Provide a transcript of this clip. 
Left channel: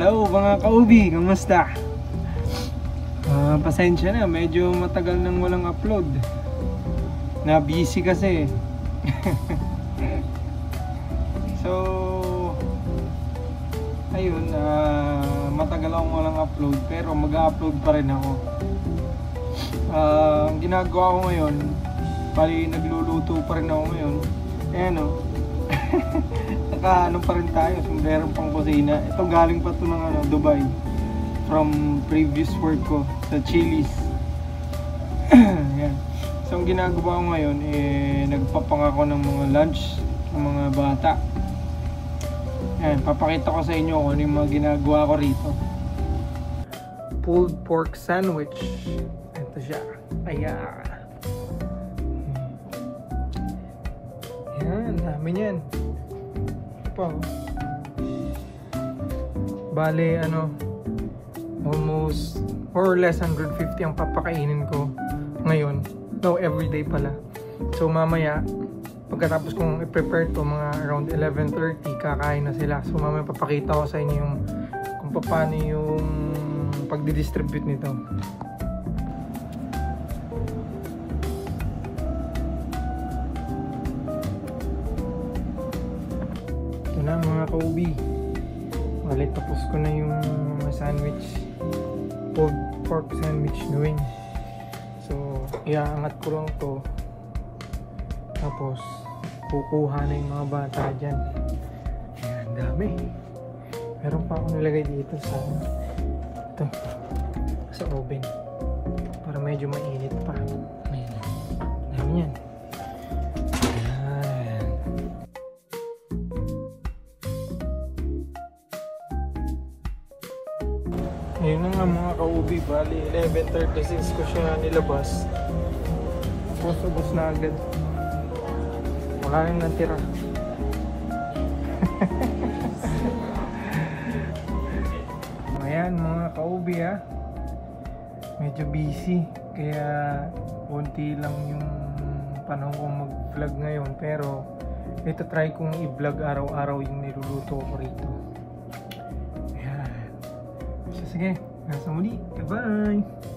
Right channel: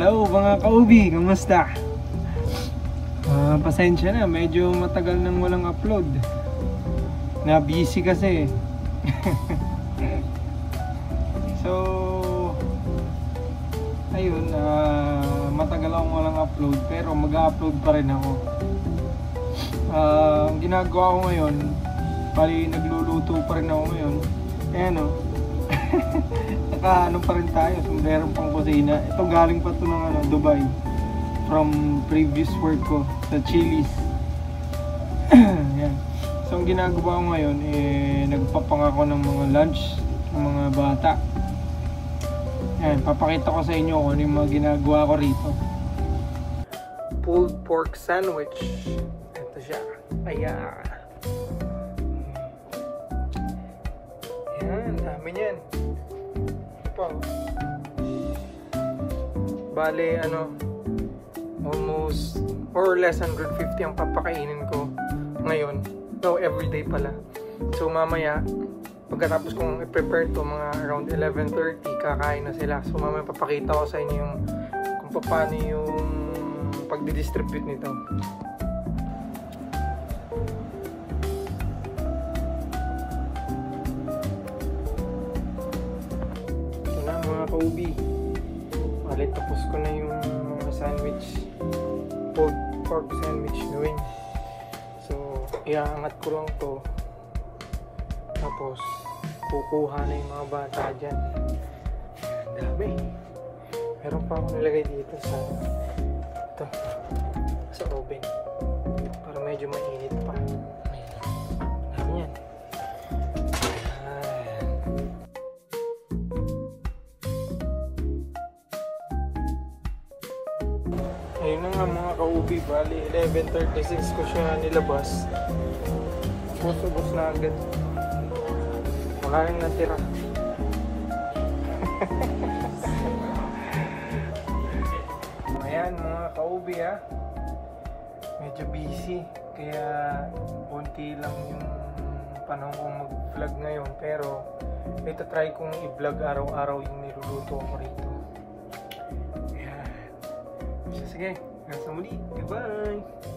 Hello mga ka-ubi, kamusta? Pasensya na, medyo matagal nang walang upload. Na-busy kasi. So, ayun, matagal akong walang upload pero mag-upload pa rin ako. Ang ginagawa ko ngayon, pali nagluluto pa rin ako ngayon. Ayan o. Ano pa rin tayo, kung meron pang kusina. Ito galing pa ito ng Dubai. From previous work ko sa Chili's. Ayan. So ang ginagawa ko ngayon, nagpapangako ng mga lunch ng mga bata. Ayan, papakita ko sa inyo kung ano yung mga ginagawa ko rito. Pulled pork sandwich. Ito siya. Ayan. Ayan, dami niyan. Bale, almost or less 150 ang papakainin ko ngayon. So, everyday pala. So, mamaya, pagkatapos kong i-prepare ko mga around 11:30, kakain na sila. So, mamaya papakita ko sa inyo kung paano yung pag-distribute nito. Iangat ko lang ito. Tapos, kukuha yung mga gata dyan. Ang dami. Meron pa akong ilagay dito sa ito. Sa oven. Para medyo mainit pa. Ayan. Yan. Ayun nga mga ka-ubi. Bali 11:36 ko siya nilabas. Ayan mga ka-ubi ha. Medyo busy. Kaya konti lang yung panahon kong mag-vlog ngayon. Pero ito try kong i-vlog araw-araw yung niluluto ko rito. Ayan. Sige, hanggang sa muli. Bye-bye!